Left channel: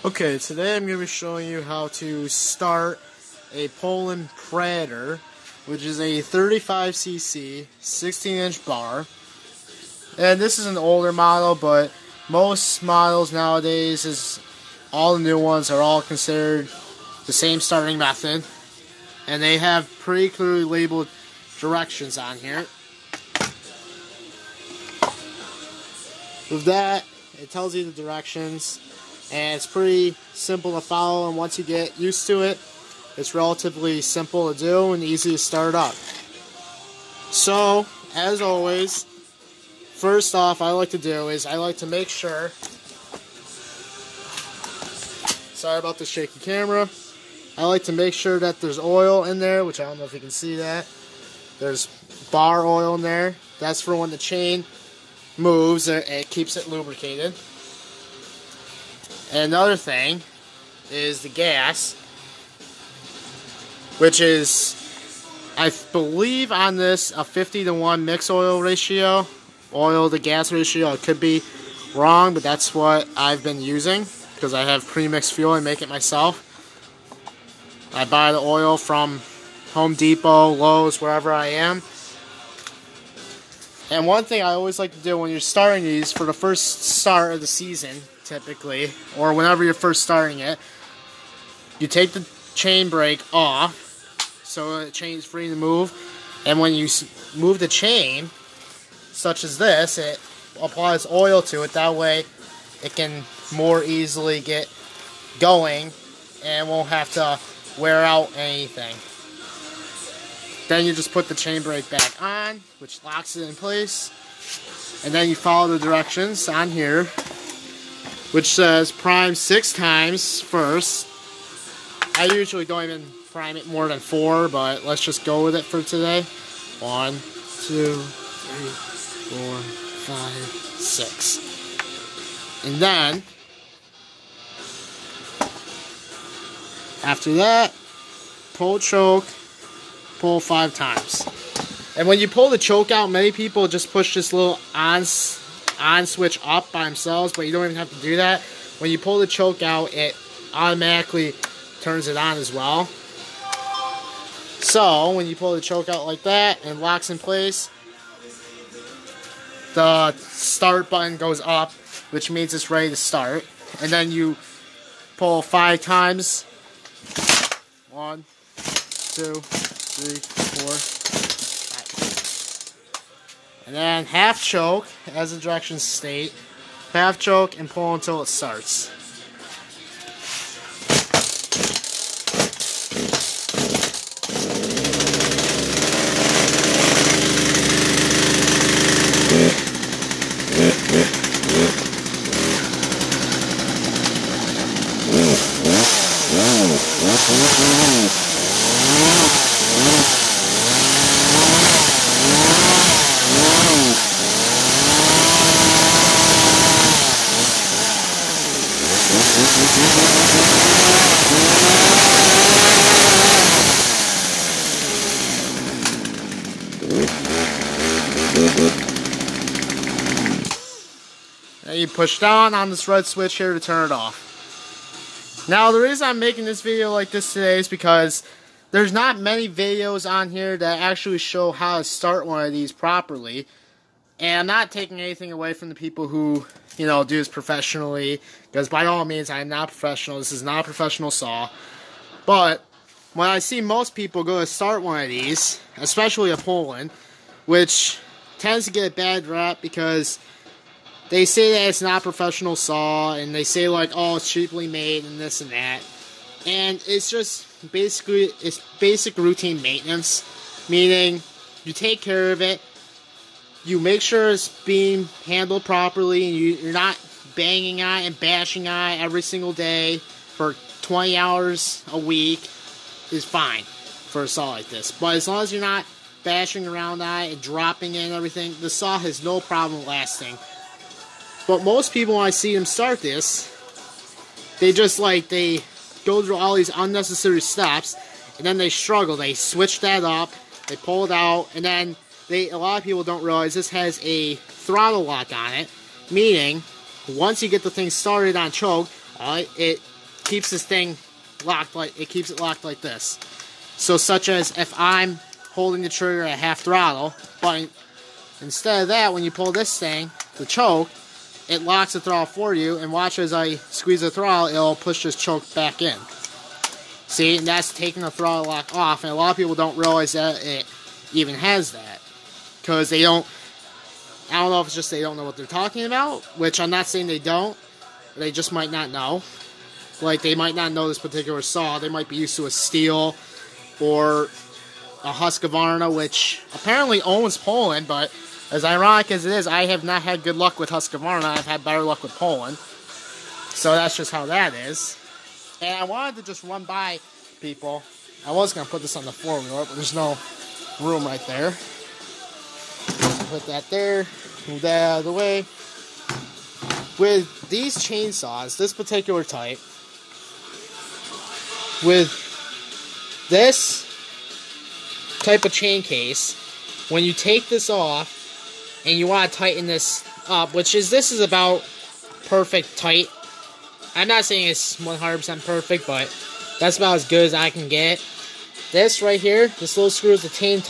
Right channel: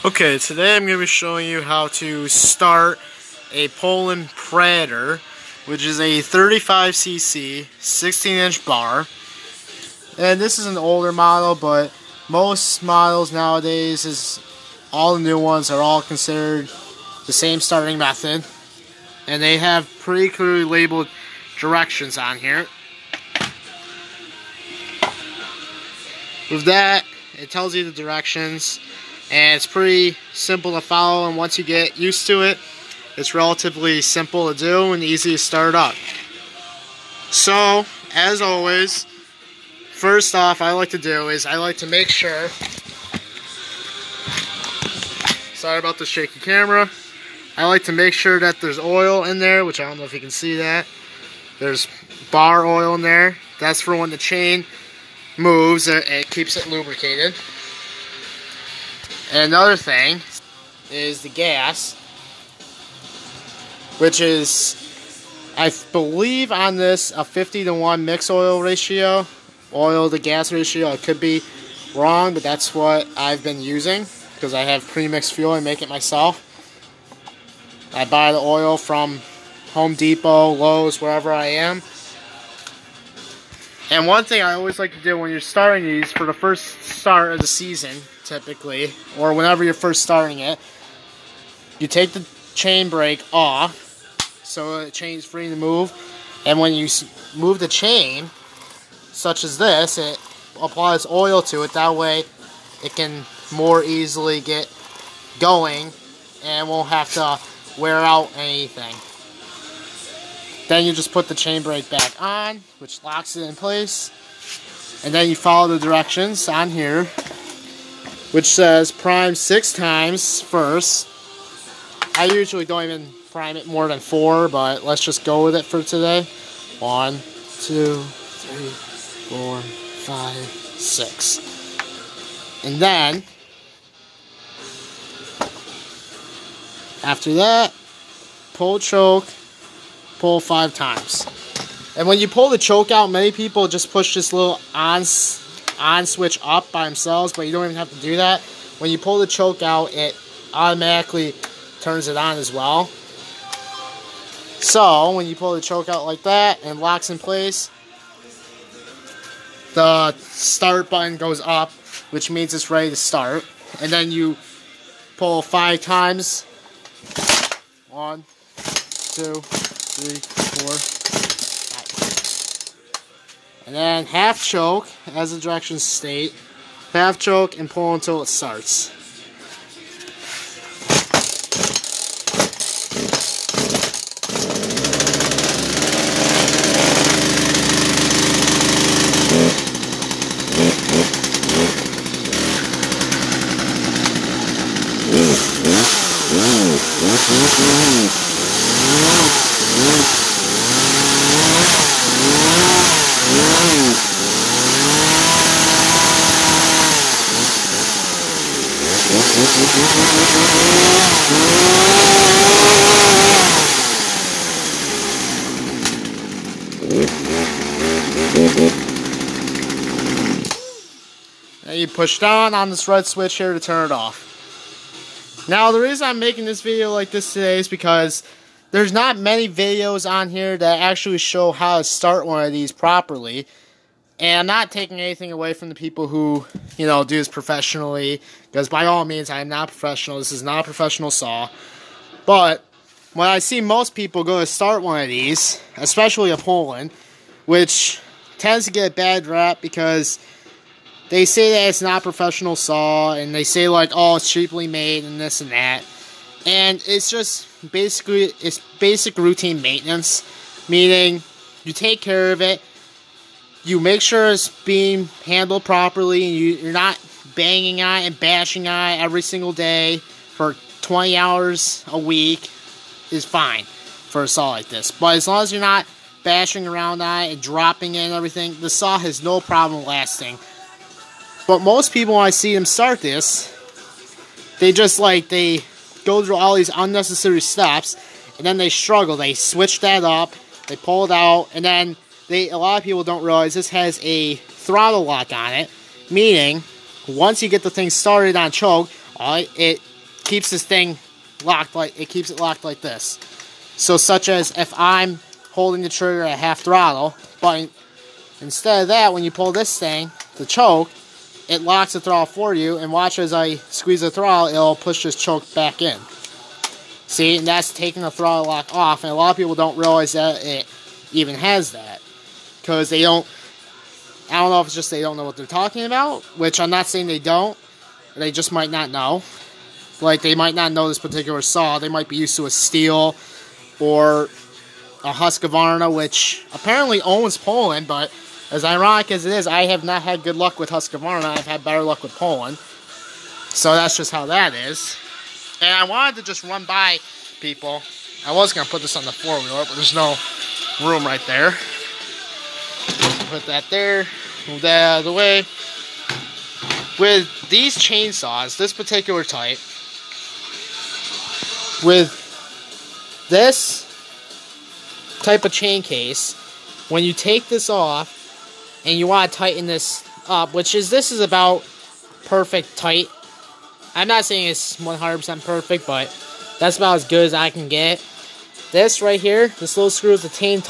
Okay, today I'm going to be showing you how to start a Poulen Predator, which is a 35cc 16-inch bar. And this is an older model, but most models nowadays, all the new ones are all considered the same starting method. And they have pretty clearly labeled directions on here. With that, it tells you the directions. And it's pretty simple to follow, and once you get used to it, it's relatively simple to do and easy to start up. So, as always, first off, I like to make sure, sorry about the shaky camera, I like to make sure that there's oil in there, which I don't know if you can see that. There's bar oil in there. That's for when the chain moves, it keeps it lubricated. And another thing is the gas, which is, I believe on this, a 50-to-1 mix oil ratio. Oil to gas ratio. I could be wrong, but that's what I've been using because I have pre-mixed fuel and make it myself. I buy the oil from Home Depot, Lowe's, wherever I am. And one thing I always like to do when you're starting these, for the first start of the season, typically, or whenever you're first starting it, you take the chain brake off, so the chain's free to move, and when you move the chain, such as this, it applies oil to it, that way it can more easily get going, and won't have to wear out anything. Then you just put the chain brake back on, which locks it in place. And then you follow the directions on here, which says prime 6 times first. I usually don't even prime it more than 4, but let's just go with it for today. 1, 2, 3, 4, 5, 6. And then, after that, pull choke. Pull 5 times. And when you pull the choke out, many people just push this little on switch up by themselves, but you don't even have to do that. When you pull the choke out, it automatically turns it on as well. So when you pull the choke out like that and locks in place, the start button goes up, which means it's ready to start. And then you pull 5 times. 1, 2, 3, 4, 5. And then half choke, as the directions state. Half choke and pull until it starts. Now you push down on this red switch here to turn it off. Now the reason I'm making this video like this today is because there's not many videos on here that actually show how to start one of these properly. And I'm not taking anything away from the people who, do this professionally, because by all means, I am not professional. This is not a professional saw. But when I see most people go to start one of these, especially a Poulen, which tends to get a bad rap because they say that it's not a professional saw, and they say like, oh, it's cheaply made and this and that. And it's just basically, it's basic routine maintenance, meaning you take care of it. You make sure it's being handled properly, and you're not banging on it and bashing on it every single day for 20 hours a week is fine for a saw like this. But as long as you're not bashing around on it and dropping it and everything, the saw has no problem lasting. But most people, when I see them start this, they go through all these unnecessary steps, and then they struggle. They switch that up, they pull it out, and then a lot of people don't realize this has a throttle lock on it, meaning once you get the thing started on choke, it keeps this thing locked it keeps it locked like this. So such as if I'm holding the trigger at half throttle, but instead of that, when you pull this thing to choke, it locks the throttle for you, and watch as I squeeze the throttle, it'll push this choke back in. See, and that's taking the throttle lock off, and a lot of people don't realize that it even has that. Because they don't, I don't know if it's just they don't know what they're talking about, which I'm not saying they don't, they just might not know. Like, they might not know this particular saw, they might be used to a Steel, or a Husqvarna, which apparently owns Poulen, but as ironic as it is, I have not had good luck with Husqvarna. I've had better luck with Poulen. So that's just how that is. And I wanted to just run by people. I was going to put this on the four-wheeler, but there's no room right there. Put that there. Move that out of the way. With these chainsaws, this particular type, with this type of chain case, when you take this off and you want to tighten this up, this is about perfect tight. I'm not saying it's 100% perfect, but that's about as good as I can get. This right here, this little screw is a chain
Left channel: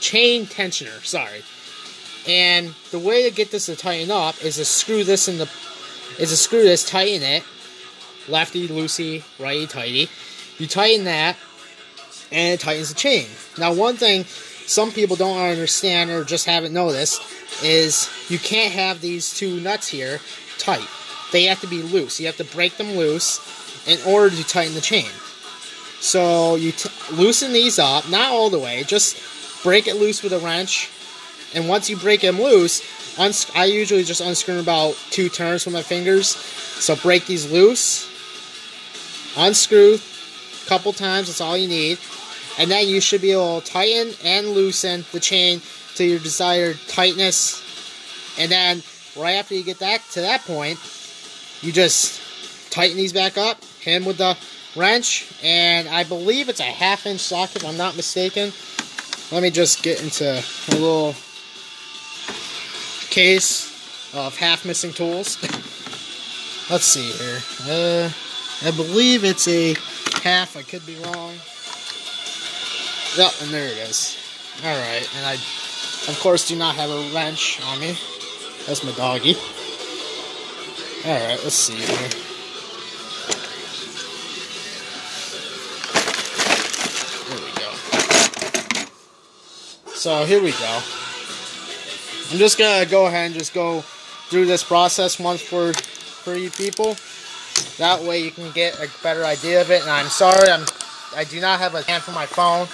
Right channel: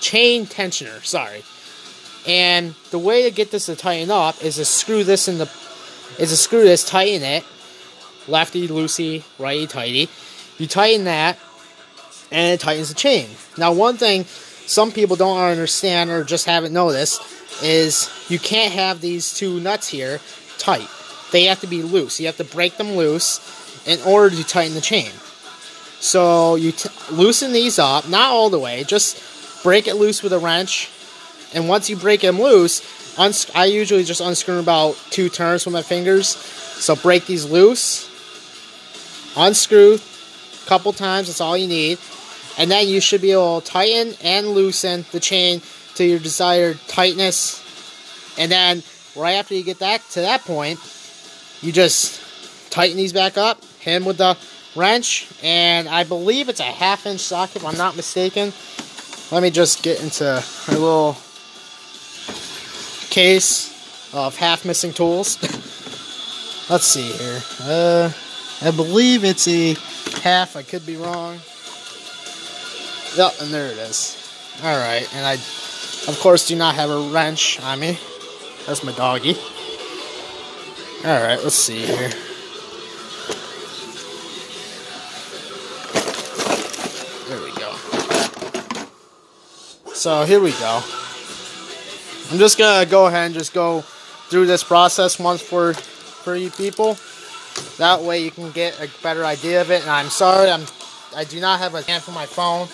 tensioner, sorry. And the way to get this to tighten up is to screw this tighten it, lefty loosey, righty tighty. You tighten that, and it tightens the chain. Now, one thing some people don't understand or just haven't noticed is you can't have these two nuts here tight. They have to be loose. You have to break them loose in order to tighten the chain. So you loosen these up, not all the way, just break it loose with a wrench. And once you break them loose, I usually just unscrew about 2 turns with my fingers. So break these loose, unscrew a couple times, that's all you need. And then you should be able to tighten and loosen the chain to your desired tightness. And then, right after you get to that point, you just tighten these back up, hit them with the wrench, and I believe it's a 1/2-inch socket, if I'm not mistaken. Let me just get into a little case of half-missing tools. Let's see here. I believe it's a 1/2, I could be wrong. Yep, and there it is. Alright, and I, of course, do not have a wrench on me. That's my doggy. Alright, let's see here. There we go. So, here we go. I'm just gonna go ahead and just go through this process once for you people. That way you can get a better idea of it. And I'm sorry, I do not have a stand for my phone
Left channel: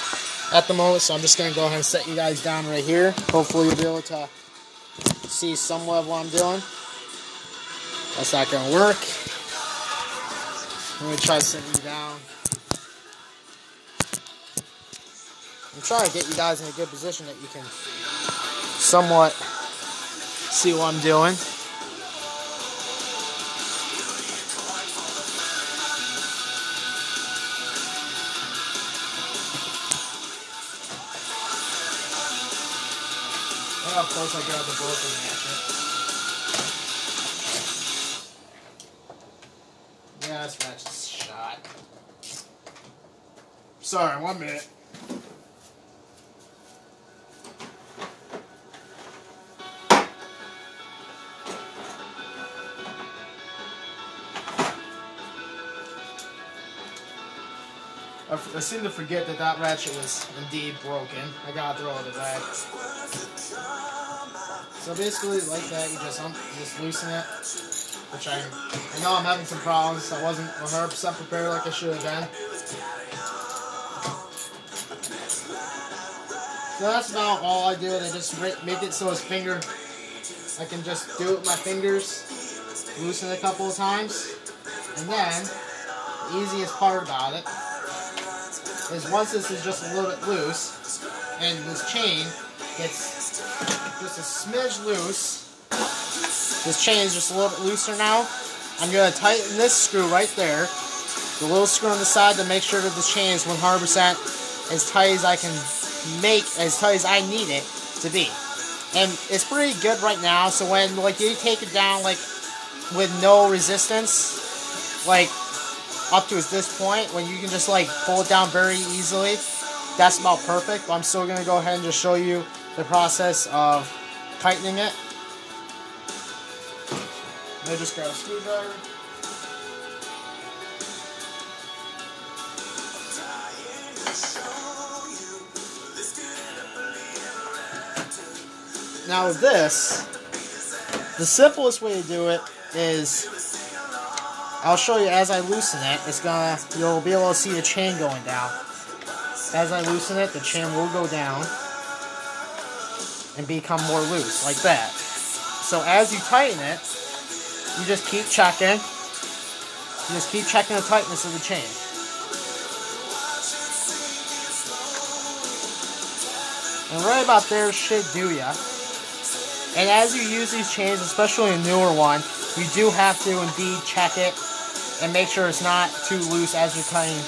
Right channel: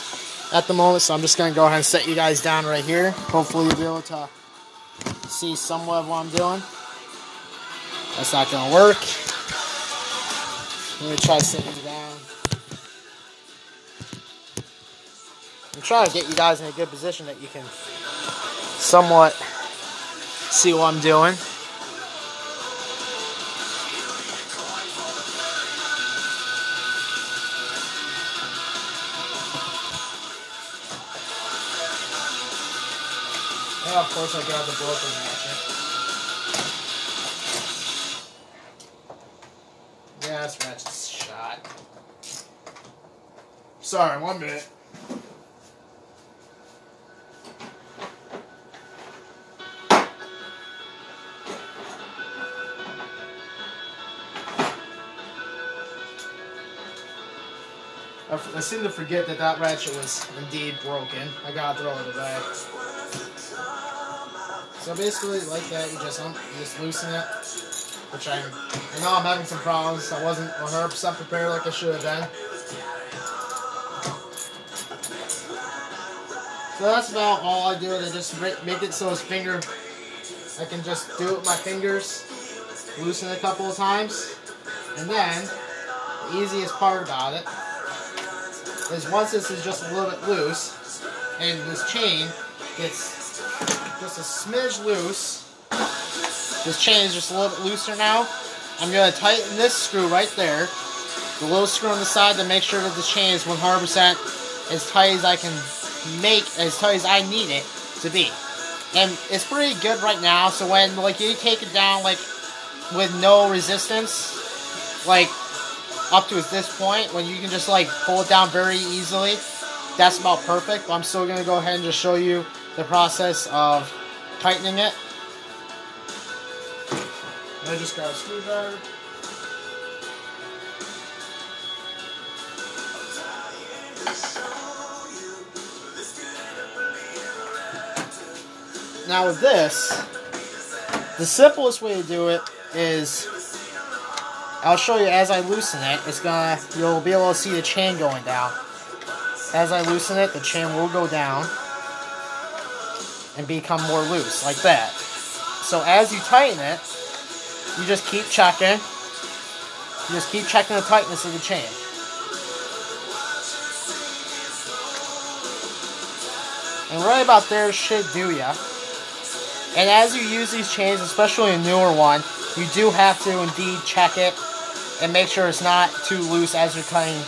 at the moment, so I'm just going to go ahead and set you guys down right here. Hopefully you'll be able to see somewhat of what I'm doing. That's not going to work. Let me try setting you down. I'm trying to get you guys in a good position that you can somewhat see what I'm doing. And of course I got the broken ratchet. Yeah, this ratchet's shot. Sorry, 1 minute. I seem to forget that that ratchet was indeed broken. I gotta throw it away. So basically, like that, you just loosen it. Which I know I'm having some problems. I wasn't 100% prepared like I should have been. So that's about all I do. I just make it so I can just do it with my fingers, loosen it a couple of times, and then the easiest part about it is once this is just a little bit loose, and this chain gets just a smidge loose, this chain is just a little bit looser now, I'm going to tighten this screw right there, the little screw on the side, to make sure that this chain is 100% as tight as I can make, as tight as I need it to be. And it's pretty good right now, so when you take it down with no resistance, like up to this point, when you can just like pull it down very easily, that's about perfect. But I'm still going to go ahead and just show you the process of tightening it. I just got a screwdriver. Now with this, the simplest way to do it is, I'll show you as I loosen it, you'll be able to see the chain going down. As I loosen it, the chain will go down and become more loose, like that. So as you tighten it, you just keep checking. You just keep checking the tightness of the chain. And right about there should do ya. And as you use these chains, especially a newer one, you do have to indeed check it and make sure it's not too loose as you're cutting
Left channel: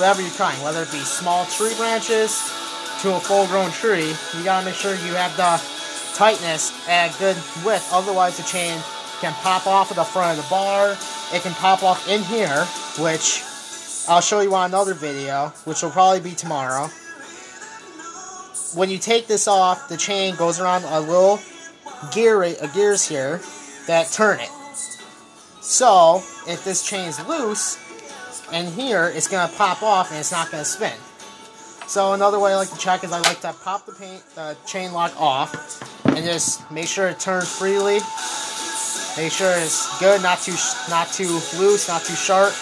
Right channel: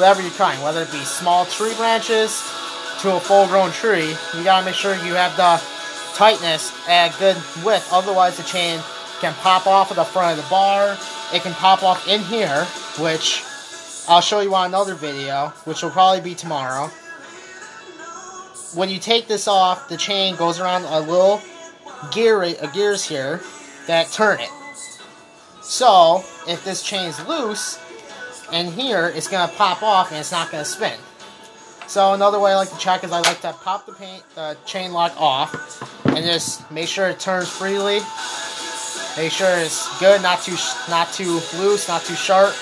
whatever you're cutting, whether it be small tree branches to a full-grown tree. You gotta make sure you have the tightness at a good width, otherwise the chain can pop off of the front of the bar. It can pop off in here, which I'll show you on another video, which will probably be tomorrow. When you take this off, the chain goes around a little gears here that turn it. So if this chain's loose and here, it's gonna pop off and it's not gonna spin. So another way I like to check is I like to pop the chain lock off and just make sure it turns freely. Make sure it's good, not too loose, not too sharp,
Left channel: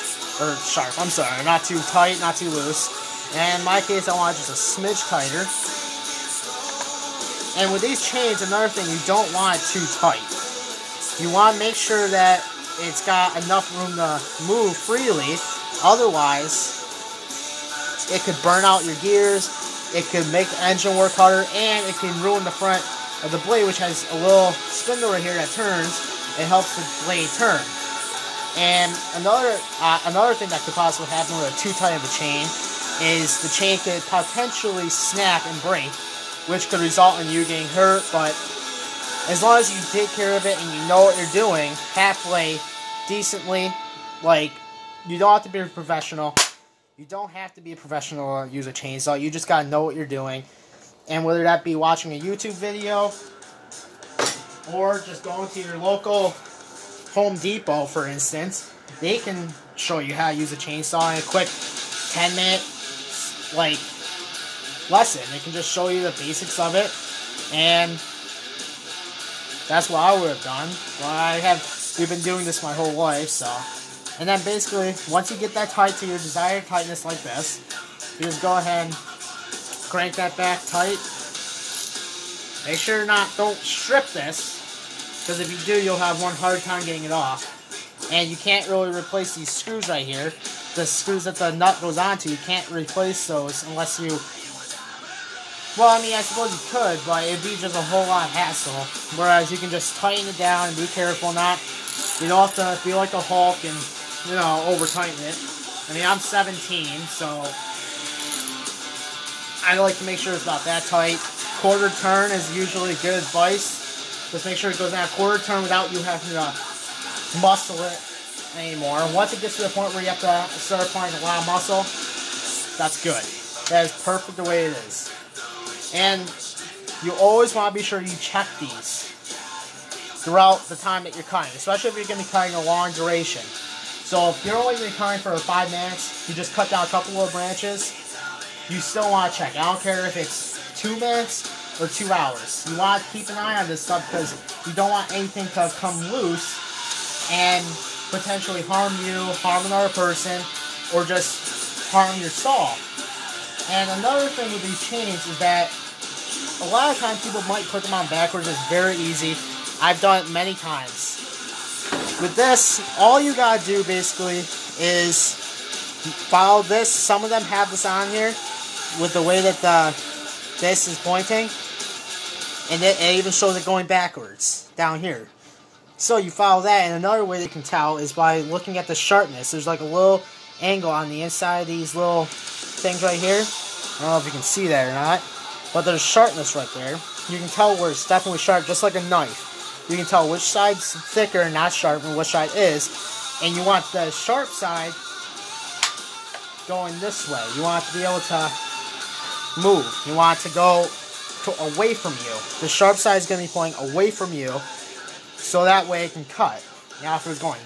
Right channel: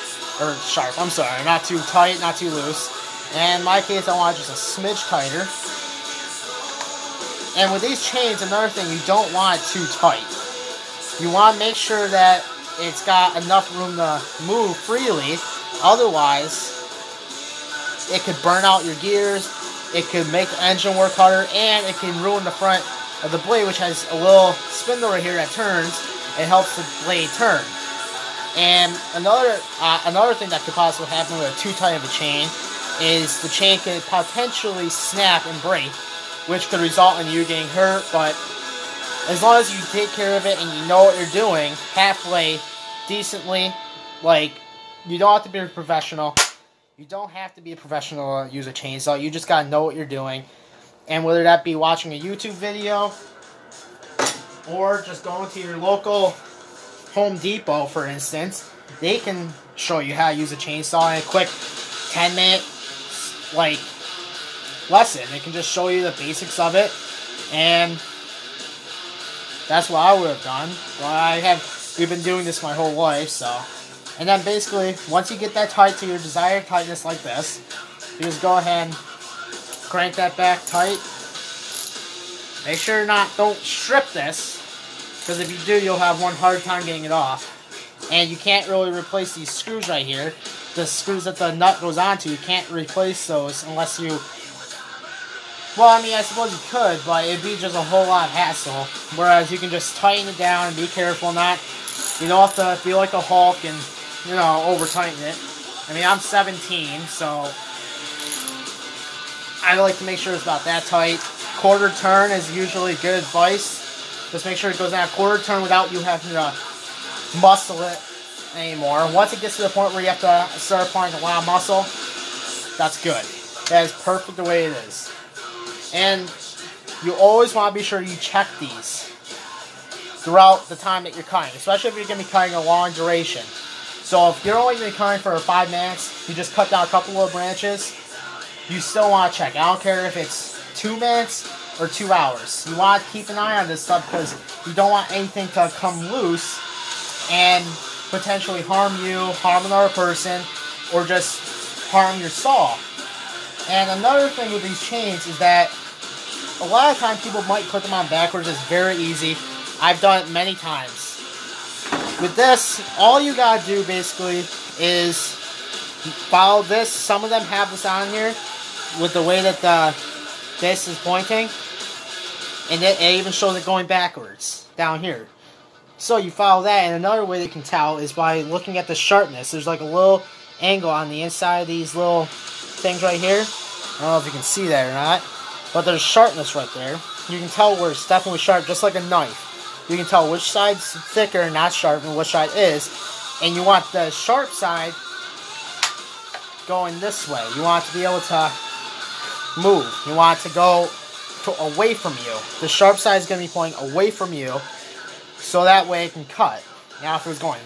I'm sorry, not too tight, not too loose. And in my case, I want just a smidge tighter. And with these chains, another thing, you don't want it too tight. You want to make sure that it's got enough room to move freely. Otherwise, it could burn out your gears, it could make the engine work harder, and it can ruin the front of the blade, which has a little spindle right here that turns. It helps the blade turn. And another thing that could possibly happen with a too tight of a chain is the chain could potentially snap and break, which could result in you getting hurt. But as long as you take care of it and you know what you're doing halfway decently, like, you don't have to be a professional. You don't have to be a professional to use a chainsaw. You just gotta know what you're doing. And whether that be watching a YouTube video or just going to your local Home Depot, for instance, they can show you how to use a chainsaw in a quick 10-minute, like, lesson. They can just show you the basics of it, and that's what I would have done. Well, we've been doing this my whole life, so. And then basically, once you get that tight to your desired tightness like this, you just go ahead and crank that back tight. Make sure don't strip this, because if you do, you'll have one hard time getting it off. And you can't really replace these screws right here. The screws that the nut goes onto, you can't replace those unless you... Well, I mean, I suppose you could, but it'd be just a whole lot of hassle. Whereas you can just tighten it down and be careful not... You don't have to be like a Hulk and, over-tighten it. I mean, I'm 17, so... I like to make sure it's about that tight. Quarter turn is usually good advice. Just make sure it goes down a quarter turn without you having to muscle it anymore. Once it gets to the point where you have to start applying a lot of muscle, that's good. That is perfect the way it is. And you always want to be sure you check these throughout the time that you're cutting, especially if you're going to be cutting a long duration. So if you're only going to be cutting for 5 minutes, you just cut down a couple of branches, you still want to check. I don't care if it's 2 minutes or 2 hours. You want to keep an eye on this stuff because you don't want anything to come loose and potentially harm you, harm another person, or just harm your saw. And another thing with these chains is that a lot of times people might put them on backwards. It's very easy. I've done it many times. With this, all you gotta do basically is follow this. Some of them have this on here with the way that this is pointing, and it even shows it going backwards down here. So you follow that, and another way that you can tell is by looking at the sharpness. There's like a little angle on the inside of these little things right here. I don't know if you can see that or not, but there's sharpness right there. You can tell where it's definitely sharp, just like a knife. you can tell which side's thicker and not sharp and which side is. And you want the sharp side going this way. You want it to be able to move. You want it to go away from you. The sharp side is going to be pointing away from you, so that way it can cut. Now if it was going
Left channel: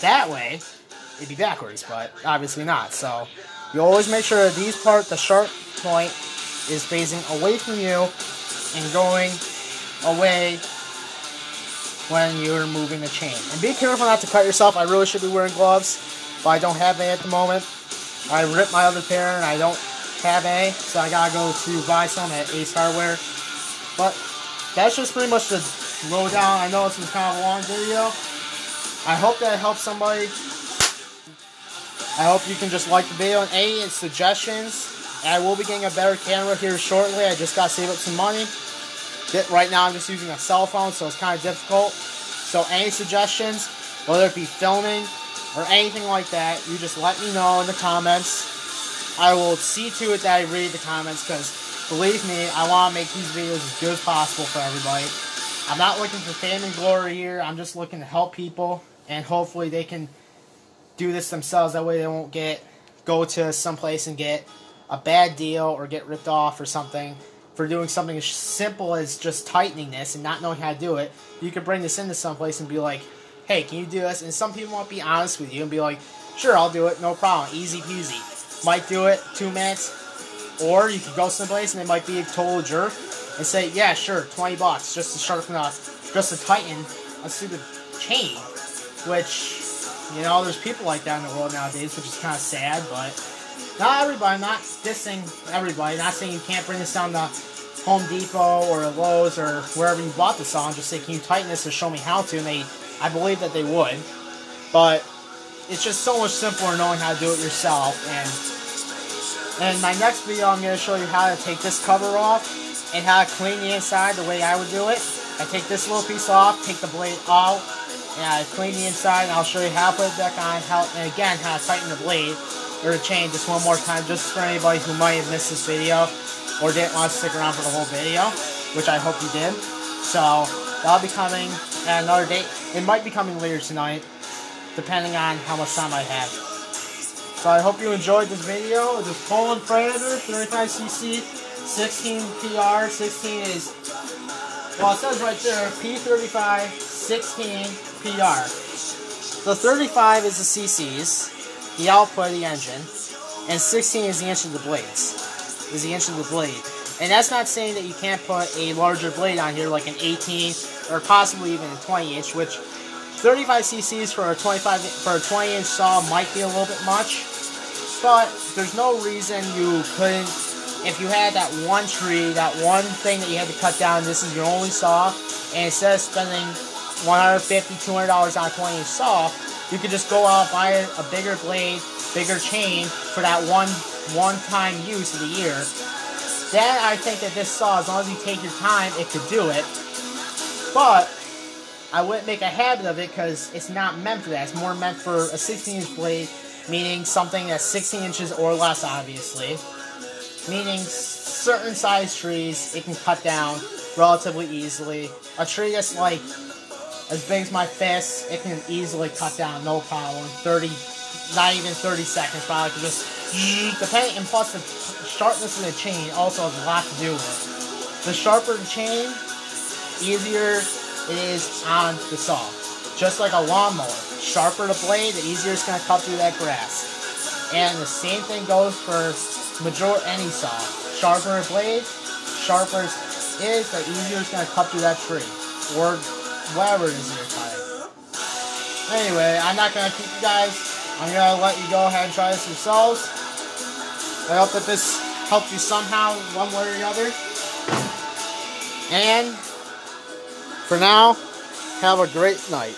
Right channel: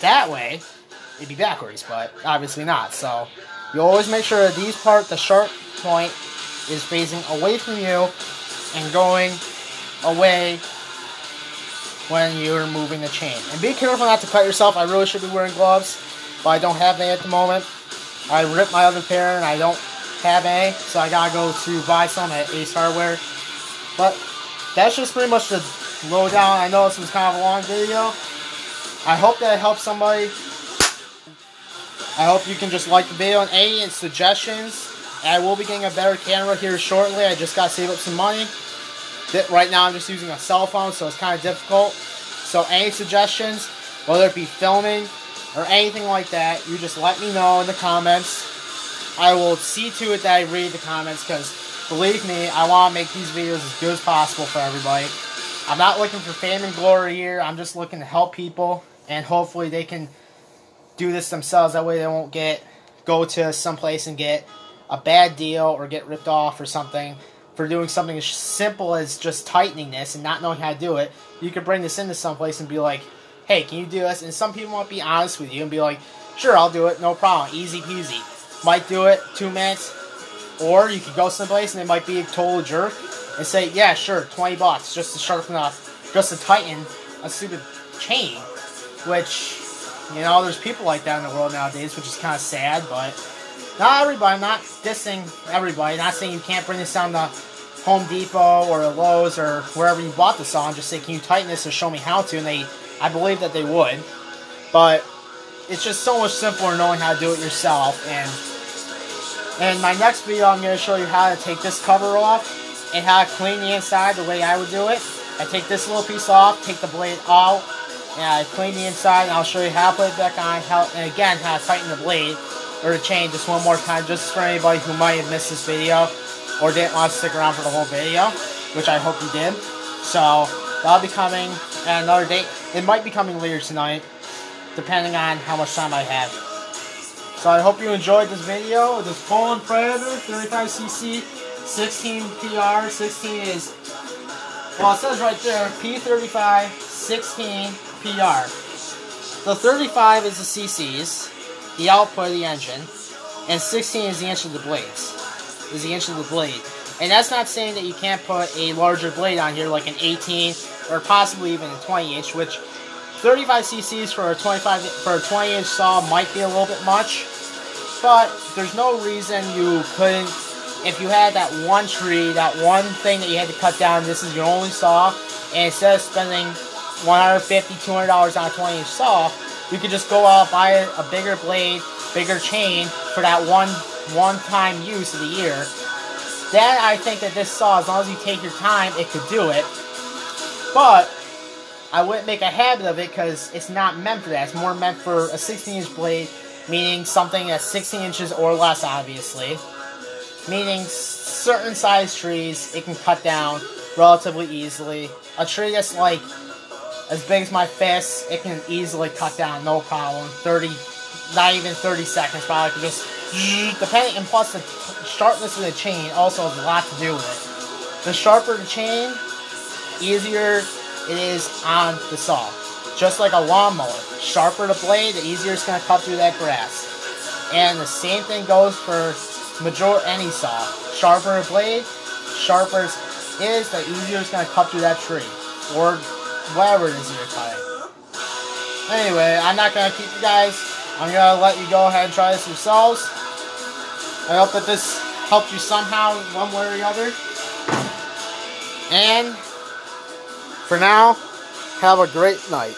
that way, it'd be backwards, but obviously not. So you always make sure that these part, the sharp point, is facing away from you and going away when you're moving the chain. And be careful not to cut yourself. I really should be wearing gloves, but I don't have any at the moment. I ripped my other pair and I don't have any, so I gotta go to buy some at Ace Hardware. But that's just pretty much the lowdown. I know this was kind of a long video. I hope that it helps somebody. I hope you can just like the video and any suggestions. I will be getting a better camera here shortly. I just got to save up some money. Right now I'm just using a cell phone, so it's kind of difficult. So any suggestions, whether it be filming or anything like that, you just let me know in the comments. I will see to it that I read the comments, because believe me, I want to make these videos as good as possible for everybody. I'm not looking for fame and glory here. I'm just looking to help people, and hopefully they can do this themselves. That way they won't go to someplace and get a bad deal or get ripped off or something for doing something as simple as just tightening this and not knowing how to do it. You could bring this into someplace and be like, hey, can you do this? And some people won't be honest with you and be like, sure, I'll do it, no problem, easy peasy. Might do it 2 minutes, or you could go someplace and they might be a total jerk and say, yeah, sure, $20 just to sharpen up, just to tighten a stupid chain. Which, you know, there's people like that in the world nowadays, which is kind of sad. But not everybody. I'm not dissing everybody. Not saying you can't bring this down to Home Depot or Lowe's or wherever you bought the saw. I'm just saying, can you tighten this or show me how to? And I believe that they would. But it's just so much simpler knowing how to do it yourself. And in my next video, I'm going to show you how to take this cover off and how to clean the inside the way I would do it. I take this little piece off, take the blade out, and I clean the inside, and I'll show you how to put it back on, and again, how to tighten the blade or the chain just one more time, just for anybody who might have missed this video or didn't want to stick around for the whole video, which I hope you did. So that'll be coming at another date. It might be coming later tonight, depending on how much time I have. So I hope you enjoyed this video. This Poulen Predator 35cc 16 PR. 16 is, well, it says right there P35 16 PR. So 35 is the cc's, the output of the engine, and 16 is the inch of the blades. Is the inch of the blade. And that's not saying that you can't put a larger blade on here, like an 18 or possibly even a 20 inch, which 35 cc's for a 20 inch saw might be a little bit much. But there's no reason you couldn't, if you had that one tree, that one thing that you had to cut down, this is your only saw, and instead of spending $150, $200 on a 20 inch saw, you could just go out, buy a bigger blade, bigger chain for that one-time use of the year. Then I think that this saw, as long as you take your time, it could do it. But I wouldn't make a habit of it because it's not meant for that. It's more meant for a 16 inch blade, meaning something that's 16 inches or less, obviously. Meaning certain size trees, it can cut down relatively easily. A tree that's like as big as my fist, it can easily cut down, no problem. 30, not even 30 seconds, probably could just depending, and plus the sharpness of the chain also has a lot to do with it. The sharper the chain, easier it is on the saw. Just like a lawnmower. Sharper the blade, the easier it's going to cut through that grass. And the same thing goes for any saw. Sharper the blade, sharper it is, the easier it's going to cut through that tree. Or whatever it is that you're cutting. Anyway, I'm not going to keep you guys. I'm going to let you go ahead and try this yourselves. I hope that this helped you somehow, one way or the other. And for now, have a great night.